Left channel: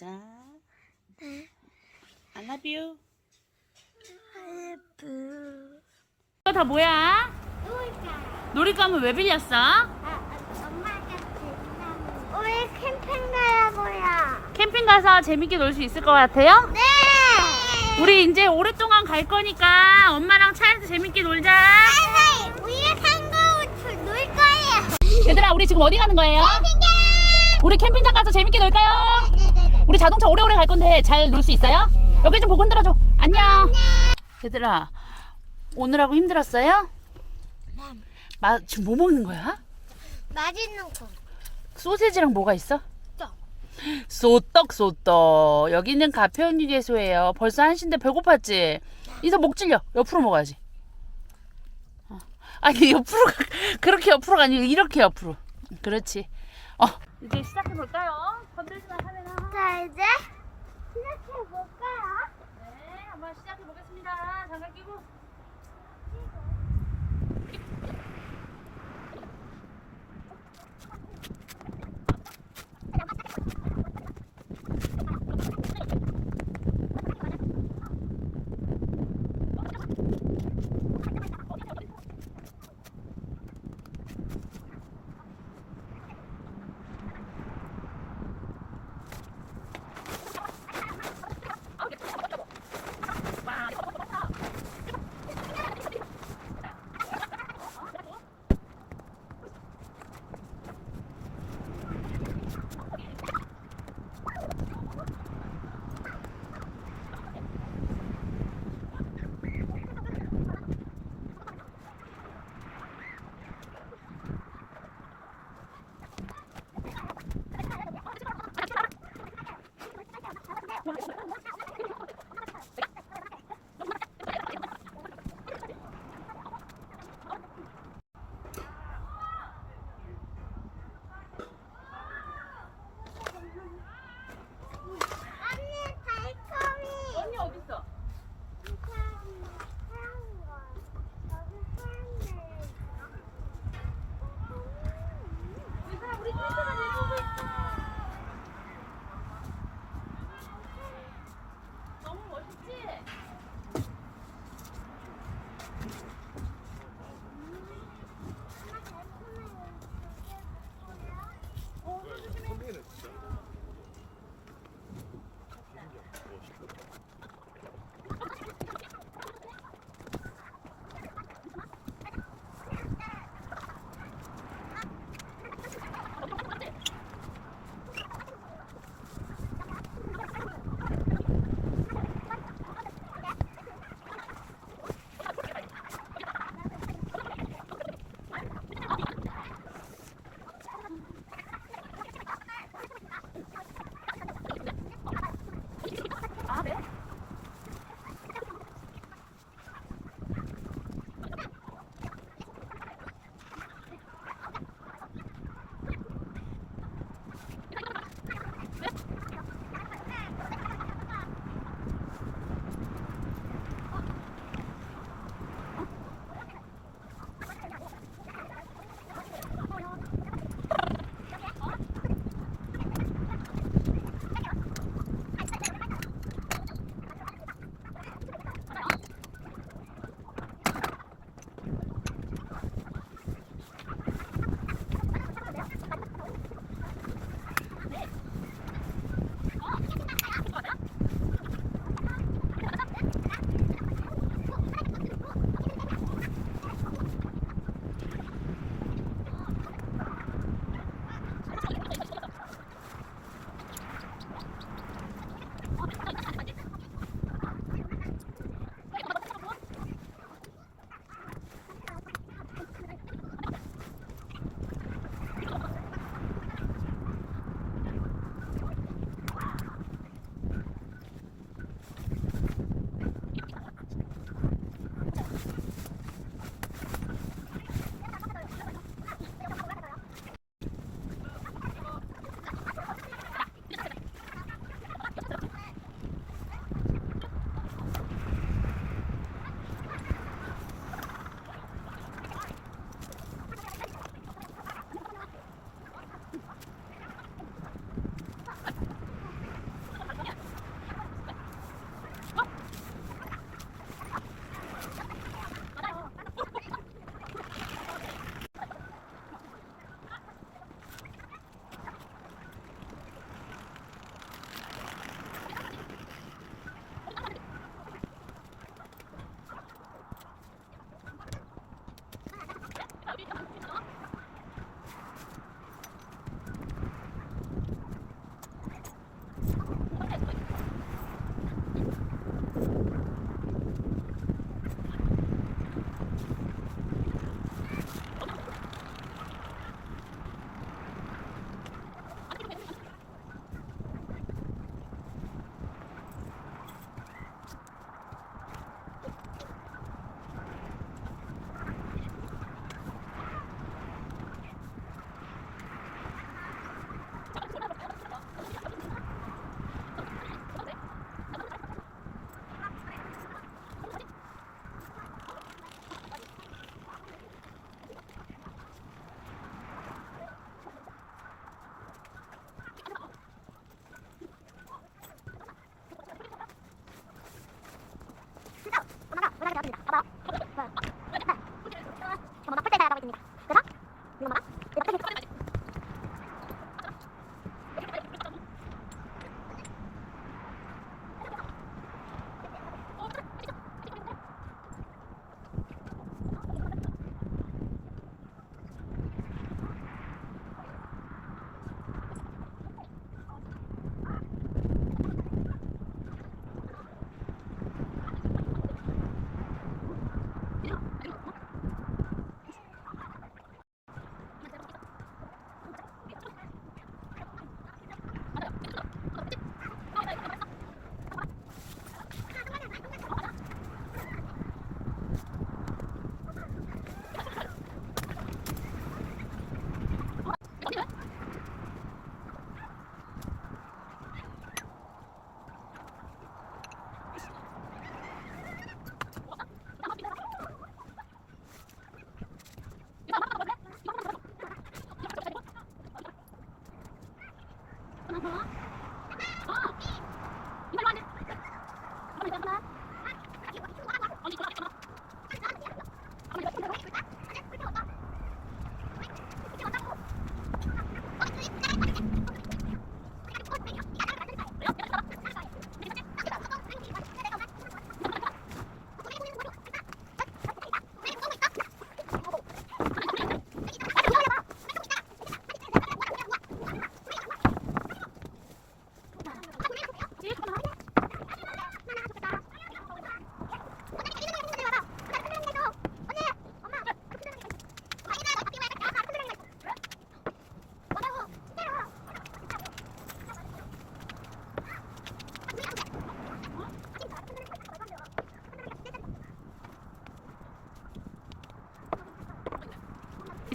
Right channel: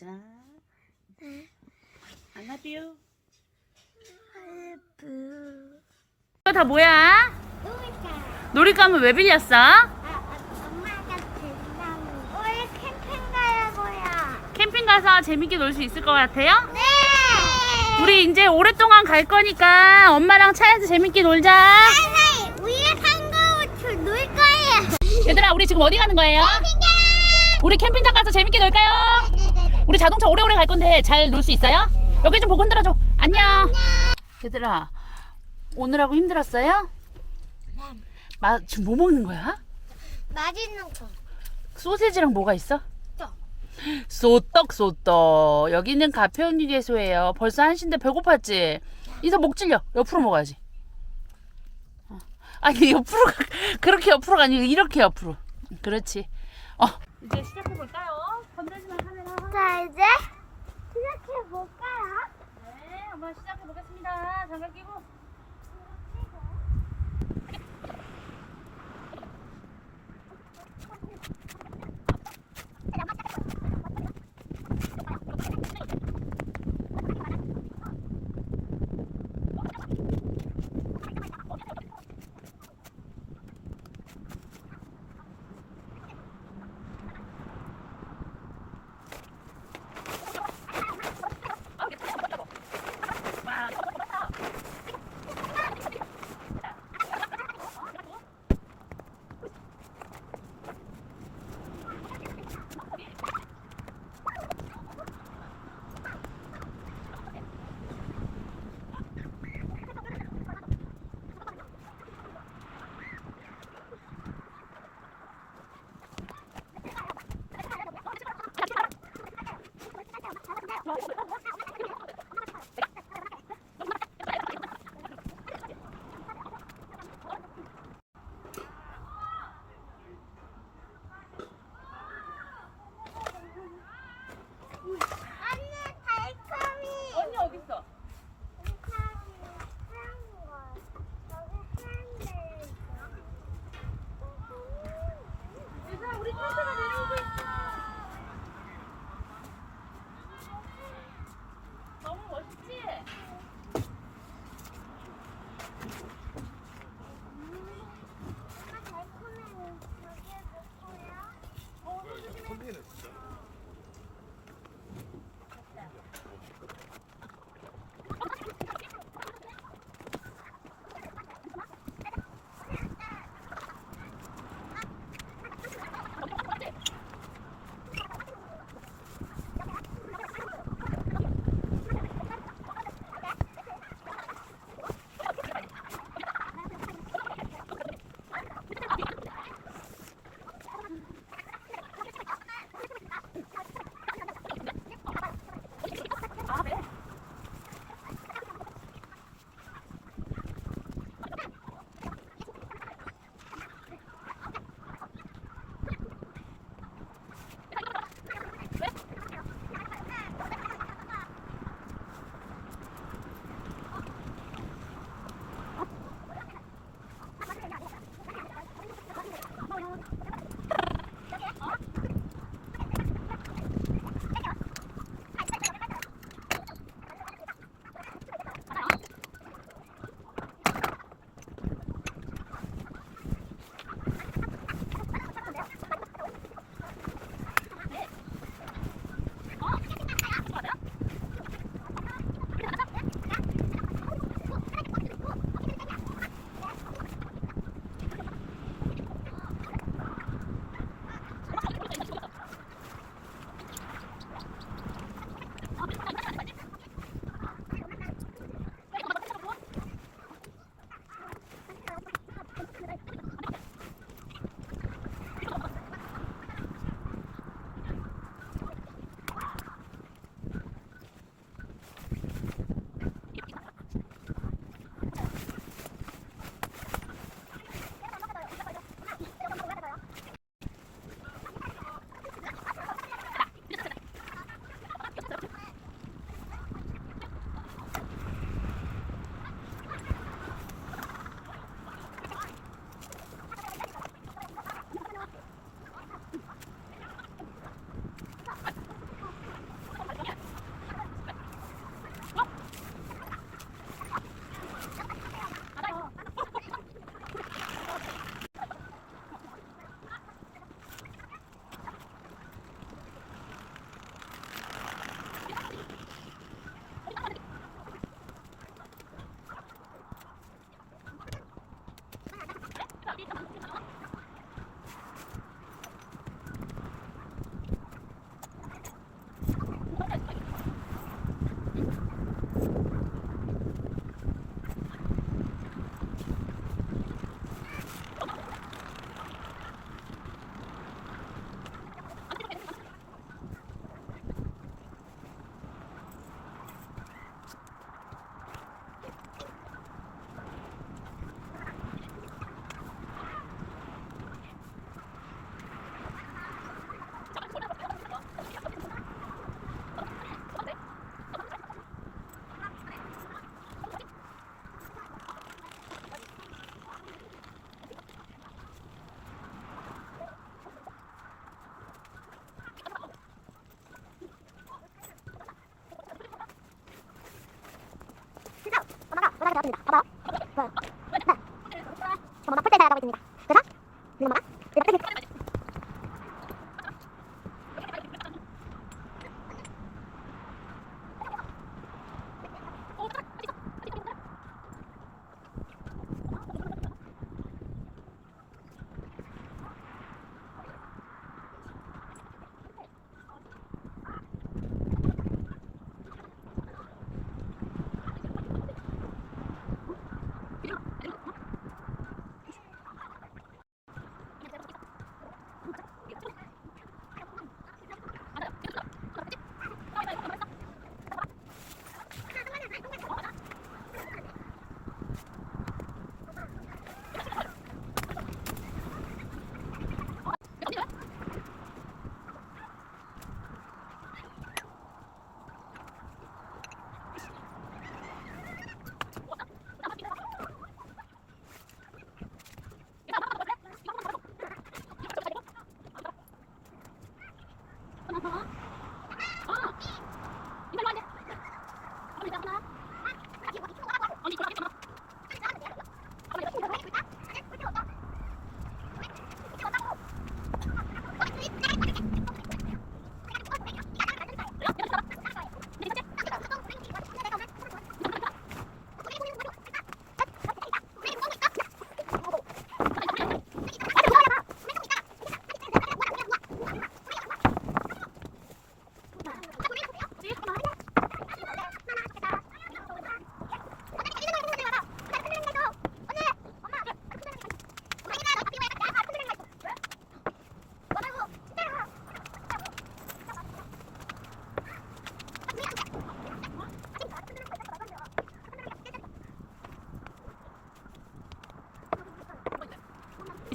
날. 재밌게 놀고 오자. 네. I love you. 다 뭐야? 놀까? 놀이감은 왜 빌렸어? 아, 아, 엄마가 준다고. 우리 캠핑 가야고요. 캠핑 가서 재밌게 놀 수 있을 것 같아요? 네. 우리 이제 오랫동안 갈 거니까 엄마랑 차에서 재밌게 놀자. 할머니, 우리가 kangaroo 놀 거예요. 얘들아, 우리 지금 어디 가는 거예요? 우리 캠핑장 가서 재밌게 놀까요? 우리 자동차 오래오래 갈 건데 잘 놀 수 있어요? 여기 좀 보고 흔들어줘. 안녕. 얘들아, 오늘하고 힘들었어요? 마, 지금 뭐 먹는 거야? 맛있는 거. 소세지랑 뭐가 있어? 떡. 소떡 소떡 여기는 가평유괴소예요 벌써 한시인데 배고팠지? 이서 목 찔려 옆으로 먹어야지 어. 아니 옆으로 가- 그렇게 옆으로가 아니고 이렇게 옆으로 그렇지 어 이제 시작해 볼까요? 건들지 자, 이제 시작해 볼까요? 네 한번 시작해보겠습니다 장갑 끼고 저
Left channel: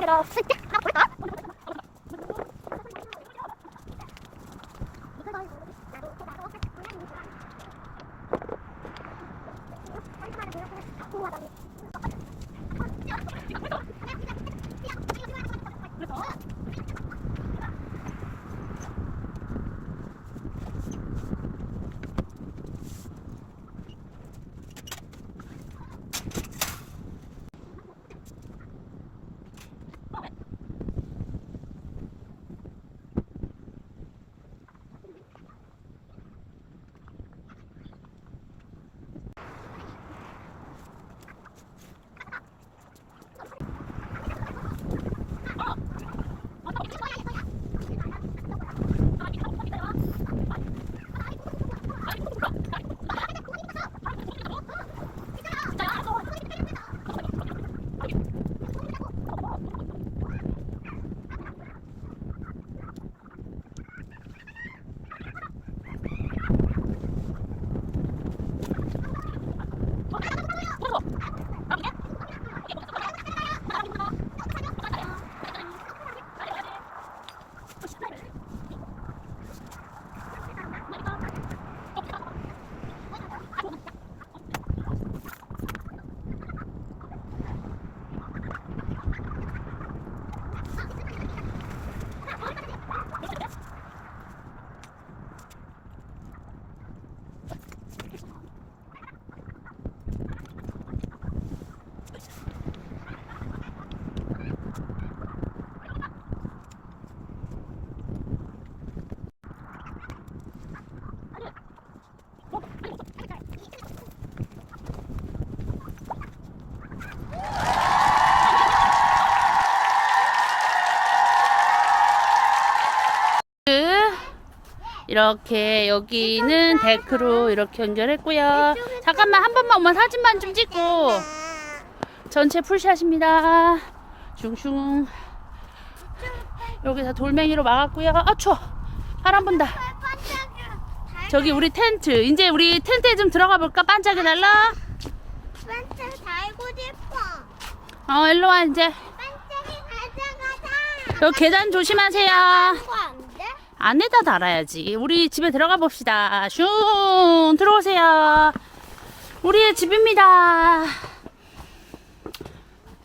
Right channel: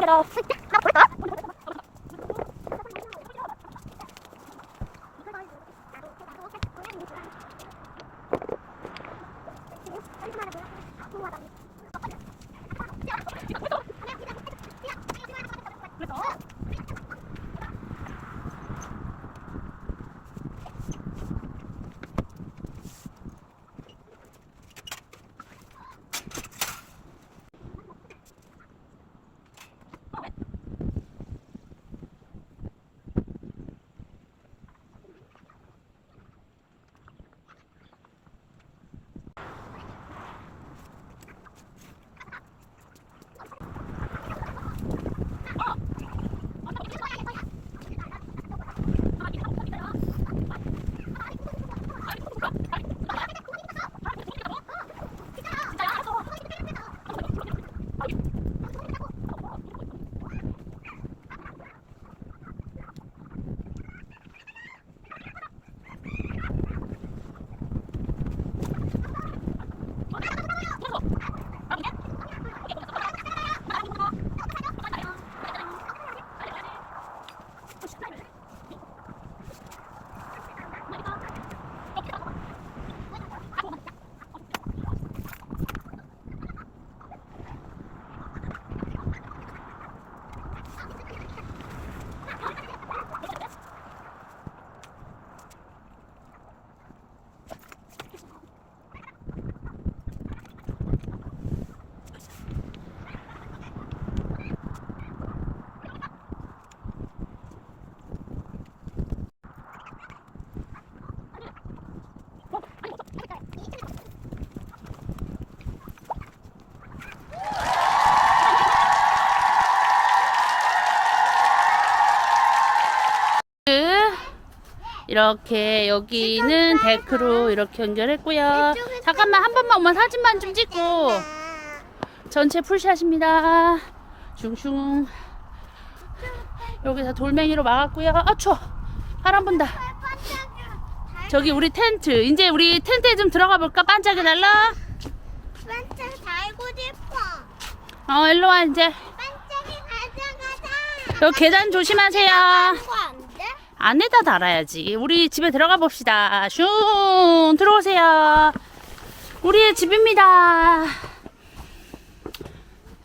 よ。 이렇게 여기는 데크로 이렇게 연결했고요. 잠깐만 한 번만 엄마 사진만 좀 찍고 전체 풀샷입니다. 슝슝 여기서 돌멩이로 막았고요. 아 추워 바람 분다. 저기 우리 텐트 이제 우리 텐트에 좀 들어가 볼까? 반짝이 날라. 반짝 달고 싶어. 어 일로 와 이제 반짝이 가져가자. 여기 계단 조심하세요. 안에다 달아야지. 우리 집에 들어가 봅시다. 슝 들어오세요. 우리의 집입니다.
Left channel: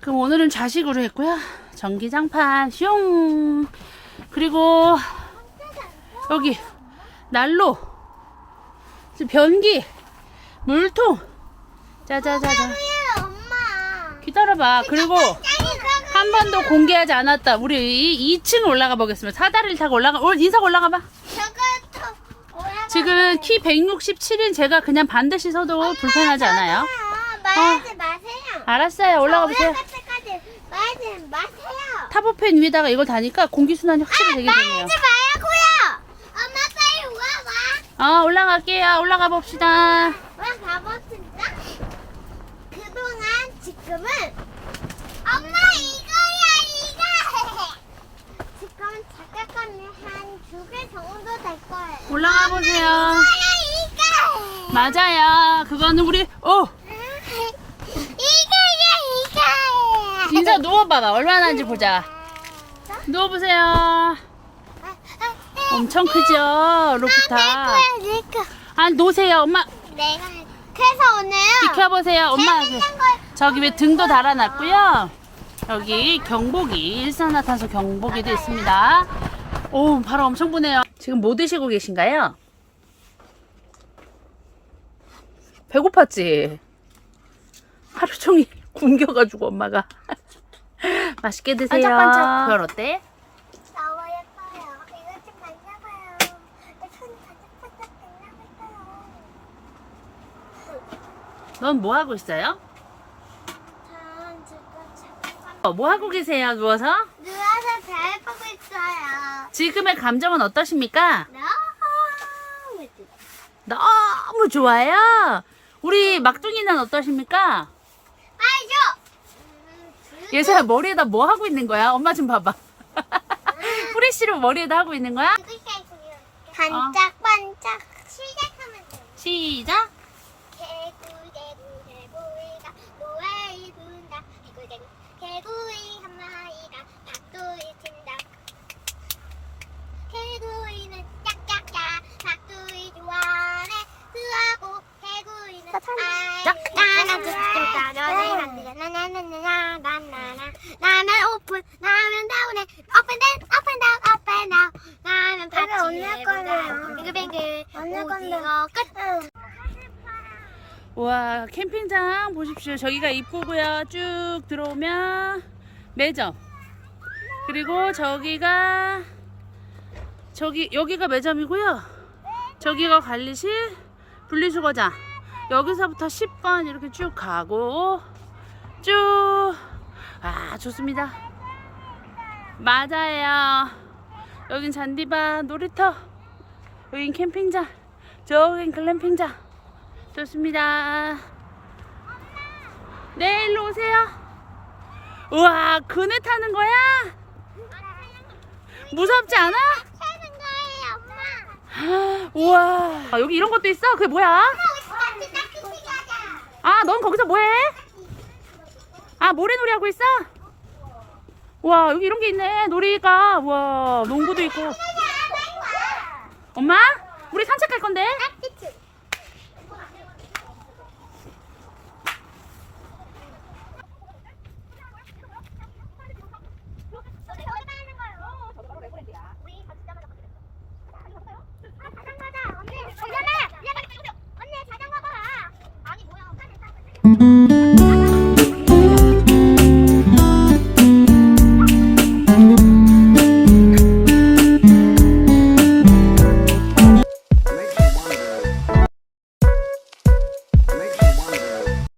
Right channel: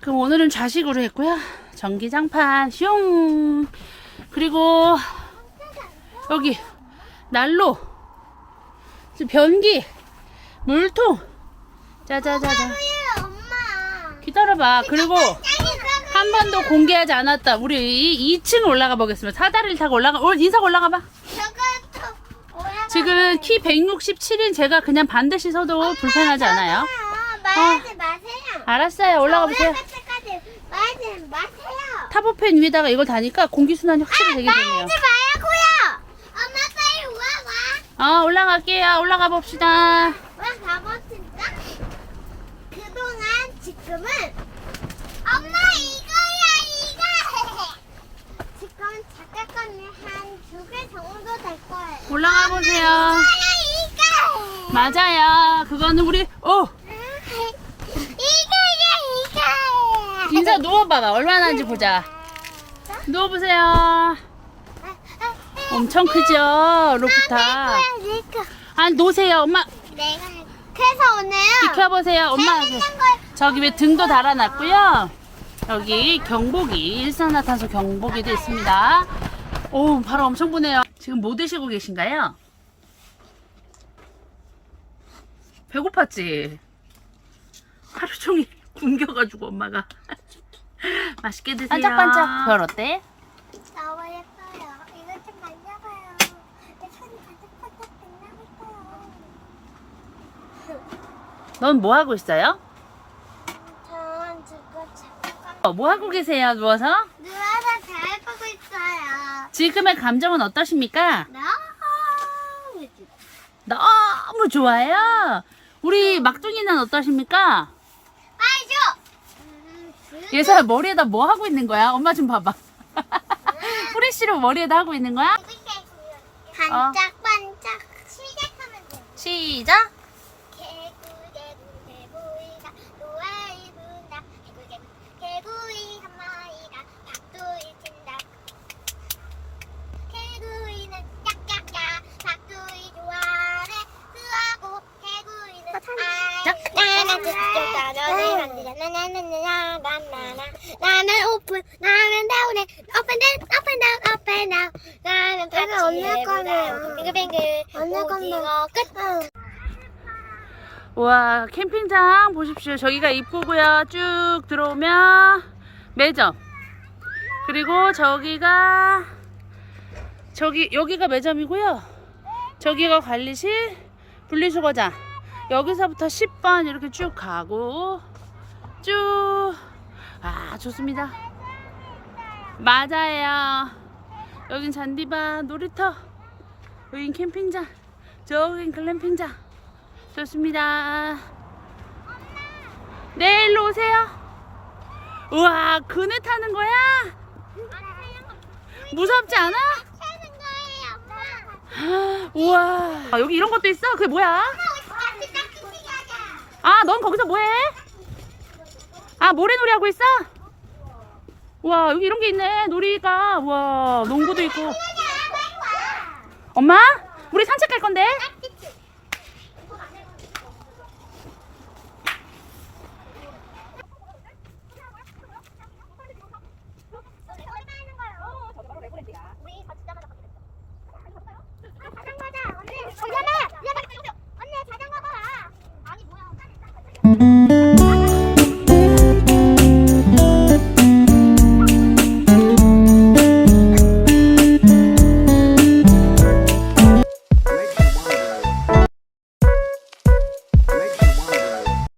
그럼 오늘은 좌식으로 했고요. 전기장판 슝 그리고 여기 난로 변기 물통 짜자자자 기다려봐. 그리고 한 번도 공개하지 않았다. 우리 이 2층 올라가 보겠습니다. 사다리를 타고 올라가. 올 인사 올라가 봐. 저것도 올라가. 지금 키 167인 제가 그냥 반드시 서도 불편하지 않아요. 아, 말하지 마세요. 알았어요. 올라가 보세요. 말하지 마세요. 타보펜 위에다가 이걸 다니까 공기 순환이 확실히 되게 되네요. 말하지 말고요. 엄마 빨리 와 와. 어, 올라갈게요. 올라가 봅시다. 와. 그동안 지금은 엄마 이거야 이거. 지금 잠깐만요 한두 개 정도 될 거예요. 올라가 보세요. 이거야 이거. 맞아요. 그거는 우리 어 이거야 이거. 인사 누워봐봐. 얼마나 하는지 보자. 누워보세요. 엄청 크죠? 로프탑. 아 놓으세요. 엄마 내가 그래서 오늘 비켜보세요. 엄마 재밌는 걸 저기 왜 등도 달아놨고요. 여기 경보기 일산화탄소 경보기도 있습니다. 오 바로 엄청 부네요. 지금 뭐 드시고 계신가요? 배고팠지? 하루 종일 굶겨가지고 엄마가 맛있게 드세요. 반짝반짝 별 어때? 너무 예뻐요. 이거 좀 만져봐요. 내 손이 반짝반짝 빛나고 있어요. 넌 뭐 하고 있어요? 어, 뭐 하고 계세요? 누워서? 누워서 잘 보고 있어요. 지금의 감정은 어떠십니까? 너무 좋- 너무 좋아요. 우리 막둥이는 어떠십니까? 줘. 음, 그- 예서야 머리에다 뭐 하고 있는 거야? 엄마 좀 봐봐. 프레쉬로 머리에다 하고 있는 거야? 반짝반짝 시작하면 돼. 시작. 와 캠핑장 보십시오. 저기가 입구고요. 쭉 들어오면 매점. 그리고 저기가 저기 여기가 매점이고요. 저기가 관리실, 분리수거장. 여기서부터 10번 이렇게 쭉 가고 쭉. 아 좋습니다. 맞아요. 여긴 잔디밭 놀이터. 여긴 캠핑장. 저긴 글램핑장. 좋습니다. 내일로 오세요. 우와, 그네 타는 거야? 무섭지 않아? 엄마 우와, 아, 여기 이런 것도 있어? 그게 뭐야? 아, 넌 거기서 뭐해? 아, 모래놀이 하고 있어? 우와, 여기 이런 게 있네. 놀이가. 우와, 농구도 있고. 엄마? 우리 산책 갈 건데?